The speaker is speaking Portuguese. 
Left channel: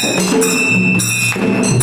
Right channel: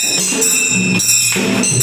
Thank you.